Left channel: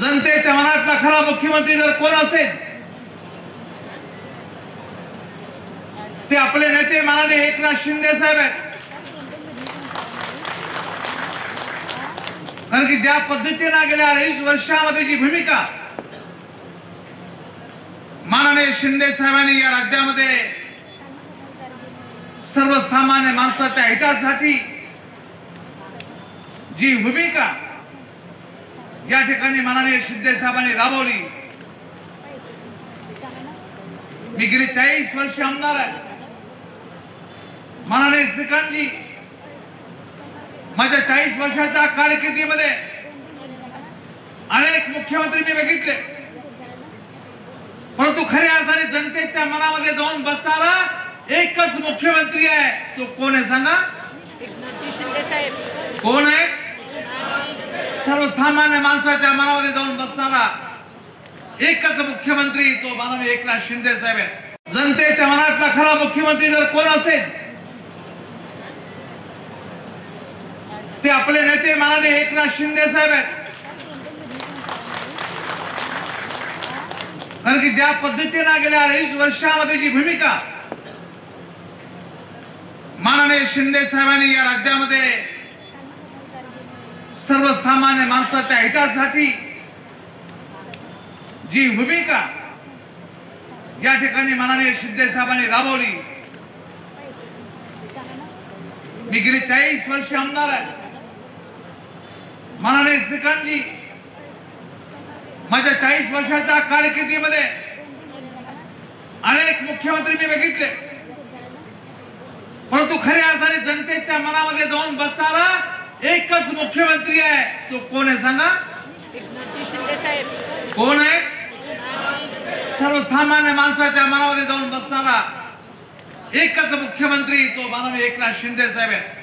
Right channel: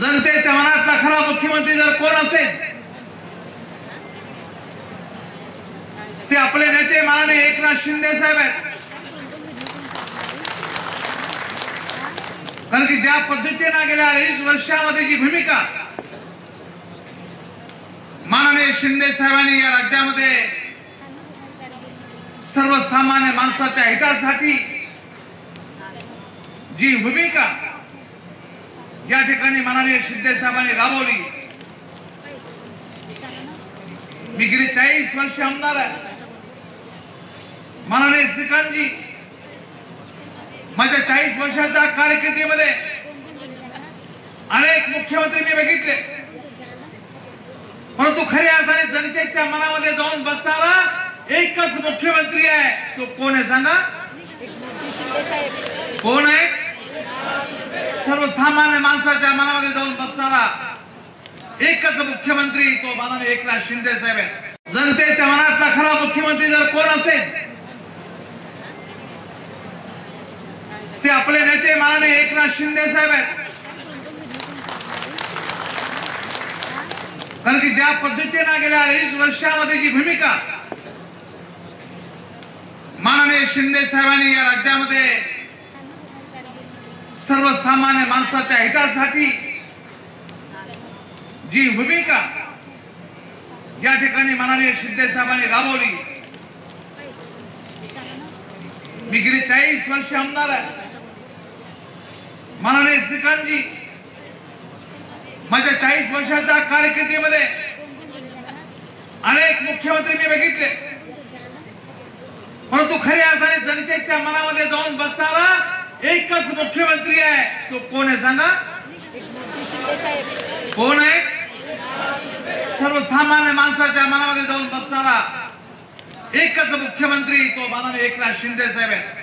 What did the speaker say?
जनतेच्या मनातला खरा मुख्यमंत्री जर कोण असेल ते आपले नेते माननीय एकनाथ शिंदे साहेब आहेत। कारण की ज्या पद्धतीने गेल्या 2.5 वर्षामध्ये जी भूमिका माननीय शिंदे साहेबांनी या राज्यामध्ये सर्वसामान्य माणसाच्या हितासाठी जी भूमिका या ठिकाणी माननीय शिंदे साहेबांनी राबवली। मी गेली 40 वर्ष आमदार आहे। माननीय श्रीकांतजी माझ्या 40 वर्षाच्या कारकिर्दीमध्ये अनेक मुख्यमंत्री मी बघितले, परंतु खऱ्या अर्थाने जनतेच्या मनामध्ये जाऊन बसणारा एकच मुख्यमंत्री आहे। तो कोण आहे सांगा? कोण आहे? सर्वसामान्य माणसाच्या मनामध्ये जाऊन बसणारा एकच मुख्यमंत्री तो माननीय एकनाथ शिंदे साहेब आहे। जनतेच्या मनातला खरा मुख्यमंत्री जर कोण असेल ते आपले नेते माननीय एकनाथ शिंदे साहेब आहेत। कारण की ज्या पद्धतीने गेल्या 2.5 वर्षामध्ये जी भूमिका माननीय शिंदे साहेबांनी या राज्यामध्ये सर्वसामान्य माणसाच्या हितासाठी जी भूमिका या ठिकाणी माननीय शिंदे साहेबांनी राबवली। मी गेली 40 वर्ष आमदार आहे। माननीय श्रीकांतजी माझ्या 40 वर्षाच्या कारकिर्दीमध्ये अनेक मुख्यमंत्री मी बघितले, परंतु खऱ्या अर्थाने जनतेच्या मनामध्ये जाऊन बसणारा एकच मुख्यमंत्री आहे। तो कोण आहे सांगा? कोण आहे? सर्वसामान्य माणसाच्या मनामध्ये जाऊन बसणारा एकच मुख्यमंत्री तो माननीय एकनाथ शिंदे साहेब आहे।